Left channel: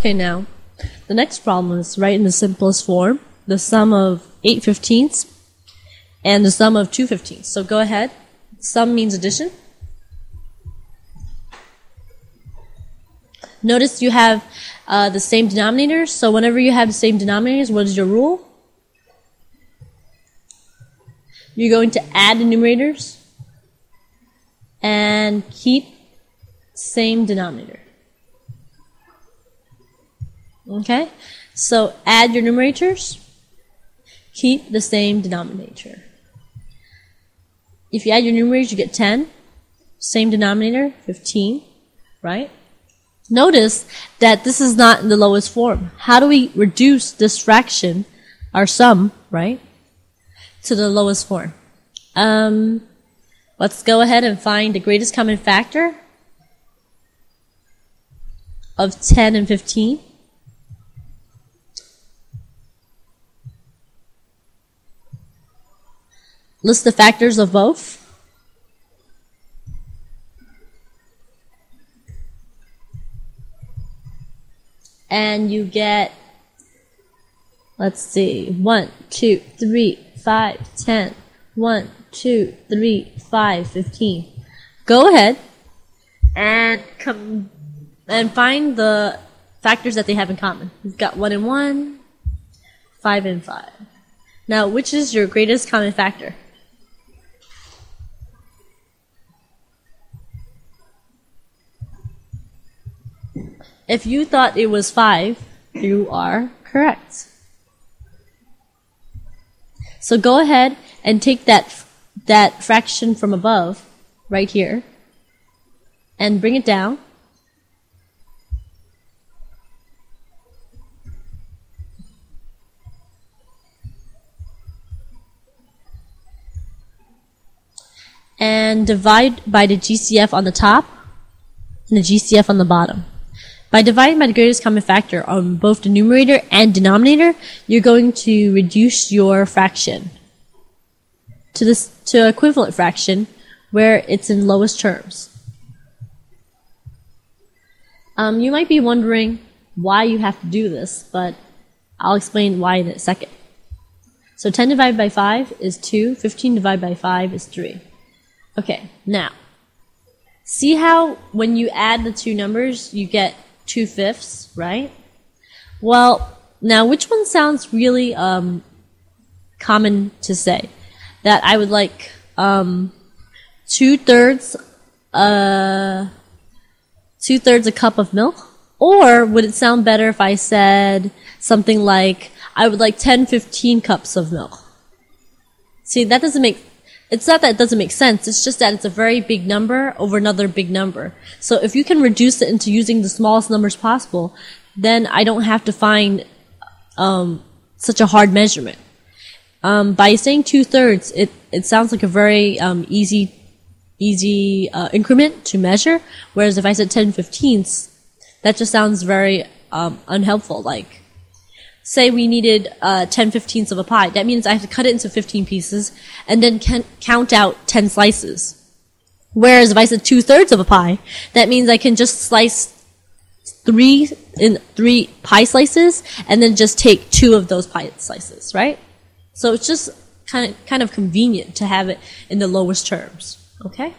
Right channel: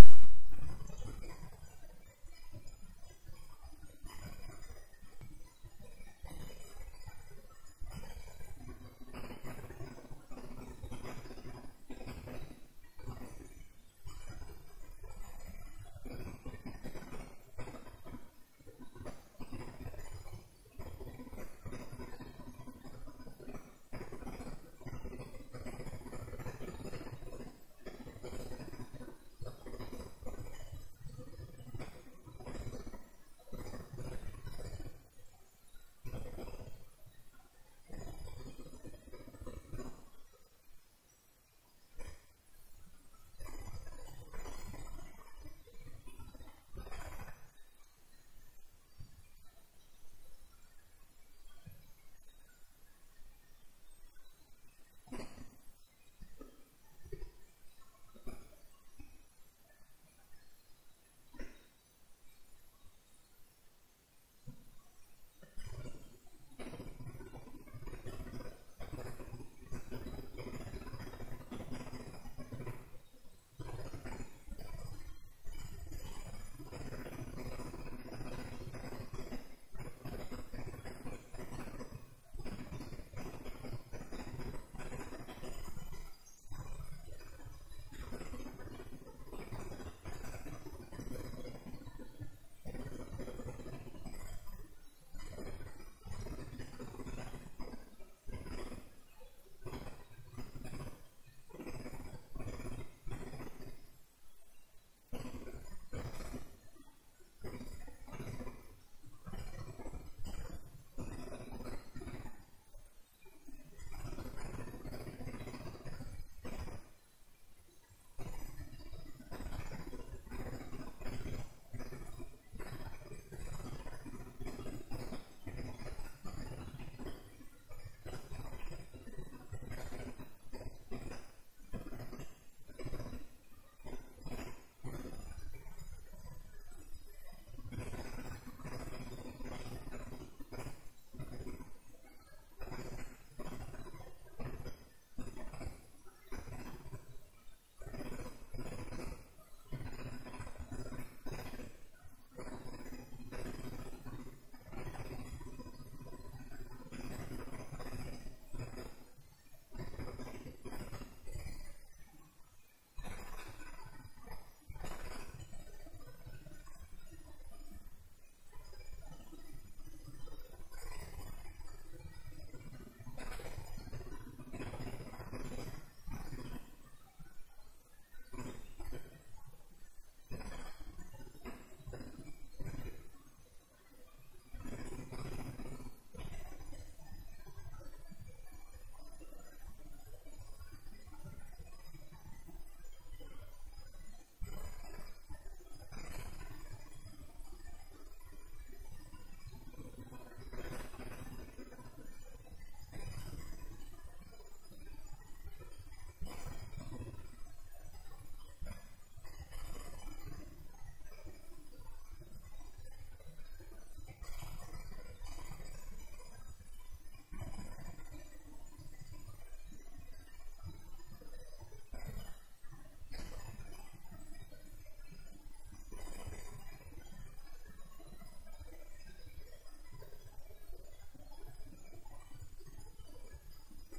Okay, now, the next problem is write in the simplest form, the sum of 8/15 and the sum of 2/15. So go ahead. Sum means addition. Notice you have the same denominators, so whenever you have the same denominators, what is your rule? You're going to add the numerators and keep same denominator. Okay? So add your numerators, keep the same denominator. If you add your numerators, you get 10. Same denominator, 15, right? Notice that this is not in the lowest form. How do we reduce this fraction, our sum, right, to the lowest form? Let's go ahead and find the greatest common factor of 10 and 15. List the factors of both. And you get, let's see, 1, 2, 3, 5, 10. 1, 2, 3, 5, 15. Go ahead and find the factors that they have in common. You've got 1 and 1, 5 and 5. Now, which is your greatest common factor? If you thought it was 5, you are correct. So go ahead and take that fraction from above, right here, and bring it down. And divide by the GCF on the top and the GCF on the bottom. By dividing by the greatest common factor on both the numerator and denominator, you're going to reduce your fraction to equivalent fraction where it's in lowest terms. You might be wondering why you have to do this, but I'll explain why in a second. So 10 divided by 5 is 2, 15 divided by 5 is 3. Okay, now, see how when you add the two numbers, you get 2/5, right? Well, now which one sounds really common to say? That I would like 2/3 a cup of milk? Or would it sound better if I said something like, I would like 10-15 cups of milk? See, that doesn't make, it's not that it doesn't make sense, it's just that it's a very big number over another big number. So if you can reduce it into using the smallest numbers possible, then I don't have to find such a hard measurement. By saying 2/3, it sounds like a very easy increment to measure, whereas if I said 10/15, that just sounds very unhelpful. Like, say we needed 10/15 of a pie. That means I have to cut it into 15 pieces and then count out 10 slices. Whereas if I said 2/3 of a pie, that means I can just slice 3 pie slices and then just take 2 of those pie slices, right? So it's just kind of convenient to have it in the lowest terms, okay?